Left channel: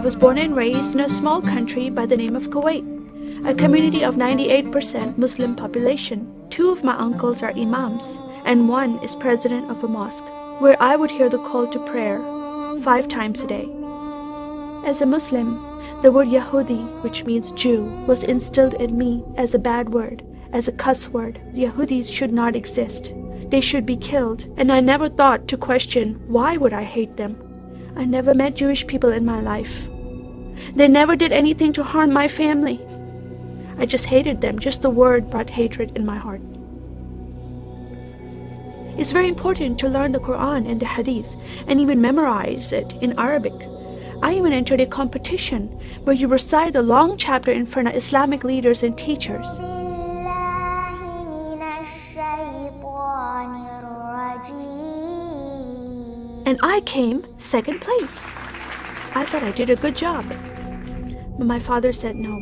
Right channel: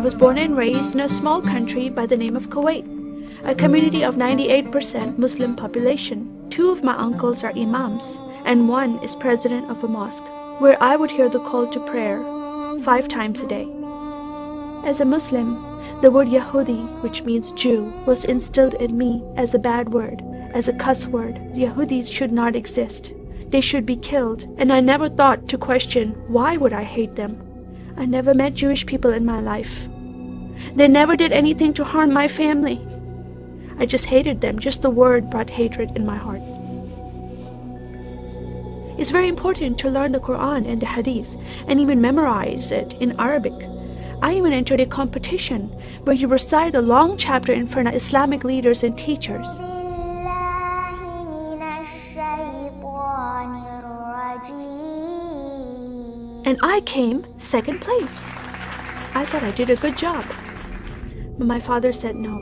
was born and raised in a small country by the name of Kuwait, a community of 98% Muslim population. 2 of my uncles are imams, and 1 is president of a mosque, where I would hear the call to prayer 5 times a day. As a Muslim, the word Yahudi, which means Jew, was instilled in me as a bad word, as a cuss word. Yahudis should not exist. They should be killed, and I never thought to question why would I hate them. I never met Jewish people in my life. They never did anything to harm my family. I just hated them. Just the word brought hatred in my heart. It's very important to learn the Quran and the Hadith and even memorize it in Arabic. I even entered a competition where you recite a long chapter in front of Islamic leaders and teachers. And I came 2nd place. I thought I did a good job. But my father said, no,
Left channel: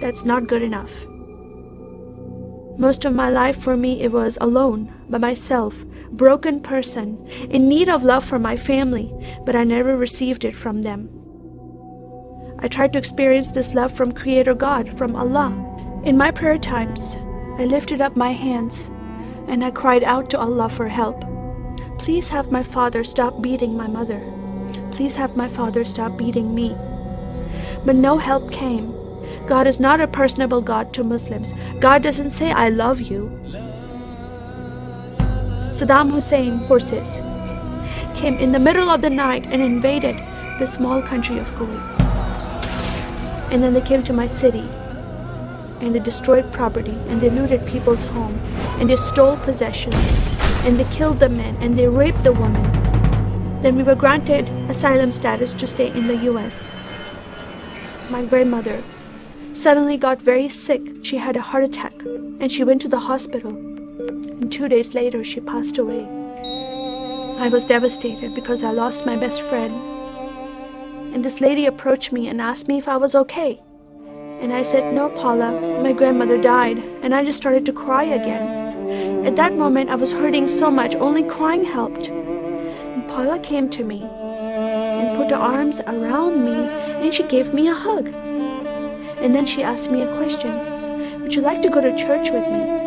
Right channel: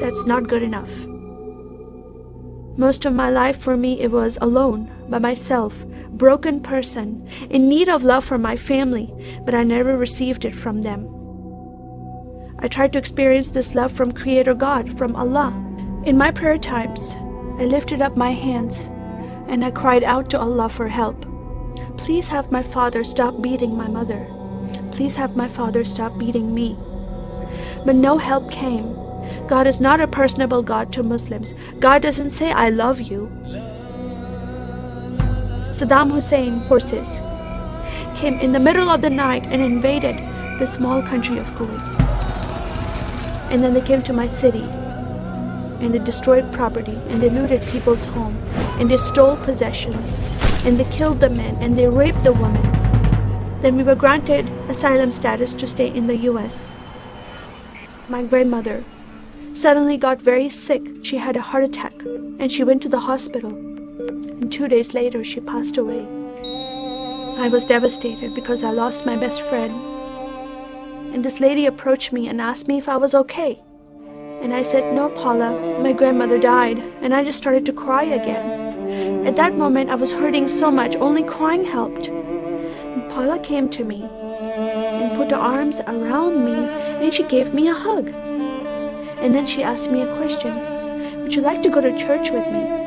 that's not good enough. Most of my life for me, it was alone, by myself, broken person, in need of love from my family, but I never received it from them. I tried to experience this love from Creator God, from Allah. In my prayer times, I lifted up my hands and I cried out to Allah for help. Please have my father stop beating my mother. Please have my father stop beating me. But no help came. God is not a personable God to Muslims. God doesn't say, I love you. Saddam Hussein forces came in the middle of the night and invaded the small country of Kuwait. And then they came to my city and they destroyed property and they looted people's home and they stole possessions and they killed the men and they raped the women. Then we were granted asylum status to stay in the US. My grandmother suddenly got very sick. She had a heart attack and she went to the hospital. And 2 days later, she passed away. I was devastated because I lost my best friend. And this lady approached me and asked me if I was okay. And I said, no, Paula, my grandmother died. And I just started to cry again. At that moment, I was hurting so much, only crying helped. And Paula came to me and put her arms around me and she gave me a hug. And then she asked me a question. Would you like to go to church with me?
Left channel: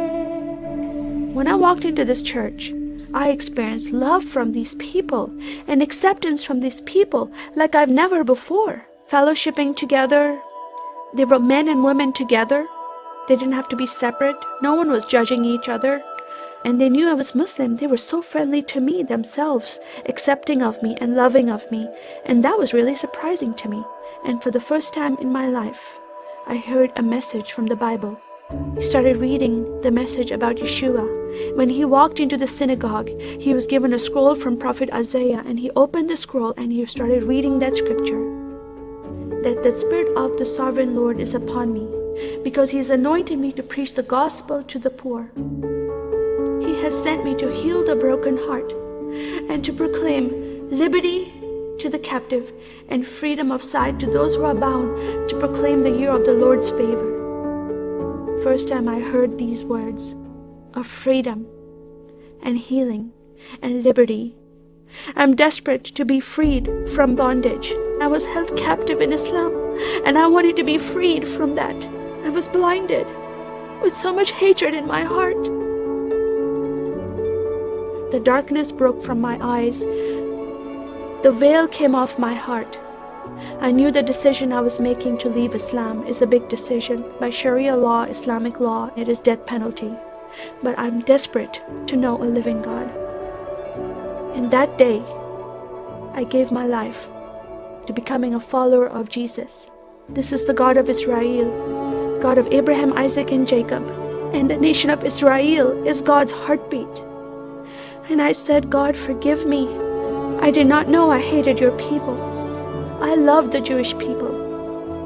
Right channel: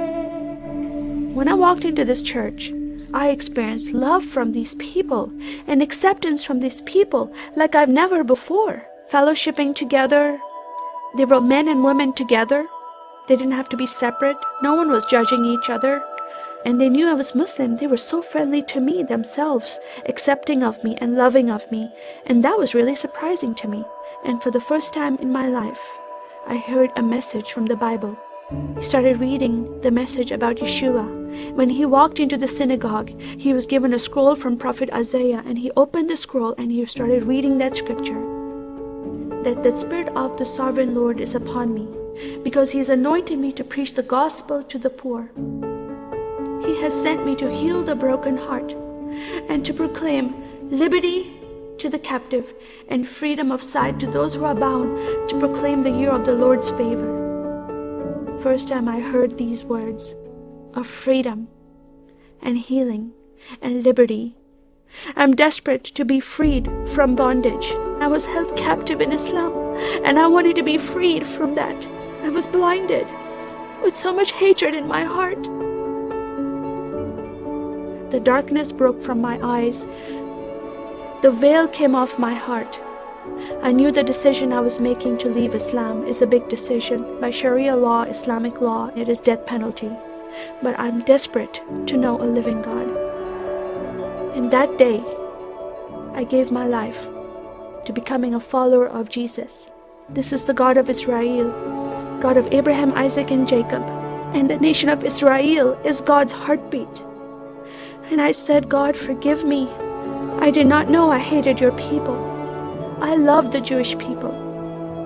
When I walked into this church, I experienced love from these people and acceptance from these people like I've never before. Fellowshipping together. They were men and women together. They didn't have to be separate. No one was judging each other. And they knew I was Muslim. They were so friendly to me themselves, accepting of me and loving of me. And that was really surprising to me. And for the first time in my life, I heard a message from the Bible. He started reading the message about Yeshua. When he walked into the synagogue, he was given a scroll from Prophet Isaiah, and he opened the scroll and he started reading that scripture. That the Spirit of the Sovereign Lord is upon me, because he has anointed me to preach the gospel to the poor. He has sent me to heal the broken heart and to proclaim liberty to the captive and freedom of sight to those who are bound, to proclaim the year of the Lord's favor. First time I heard these words of freedom and healing and liberty. I'm desperate to be freed from bondage. I was held captive in Islam and I wanted to be freed from that. I was blinded with so much hatred in my heart. The darkness broke from my eyes. The veil came off my heart. I knew the decision I was making to leave Islam is a big decision. By Sharia law, Islamic law, it is death penalty. But I'm desperate to know a living God. In that day, I gave my life to becoming a follower of Jesus. This is the God of Israel, God of Abraham, Isaac, and Jacob. And the nation of Israel is God's heartbeat. And I said, God, forgive me. I did not know I hated your people. I love the Jewish people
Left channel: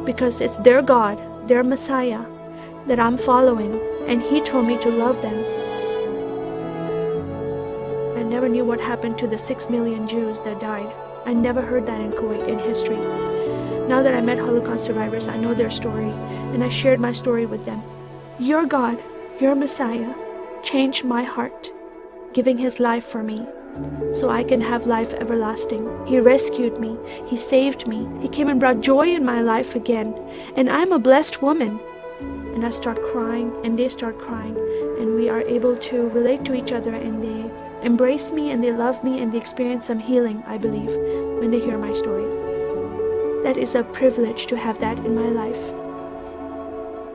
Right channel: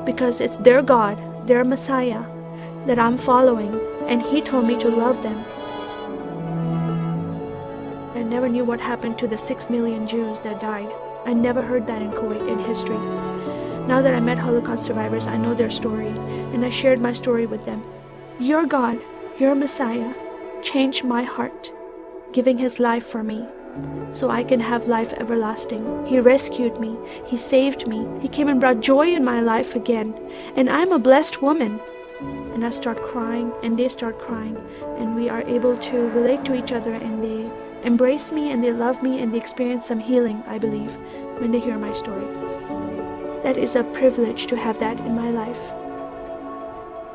because it's their God, their Messiah that I'm following, and He told me to love them. I never knew what happened to the 6 million Jews that died. I never heard that in Kuwait in history. Now that I met Holocaust survivors, I know their story, and I shared my story with them. Your God, your Messiah, changed my heart, giving His life for me. so I can have life everlasting. He rescued me. He saved me. He came and brought joy in my life again. And I'm a blessed woman. And I start crying, and they start crying. And we are able to relate to each other, and they embrace me, and they love me, and they experience some healing, I believe, when they hear my story. That is a privilege to have that in my life.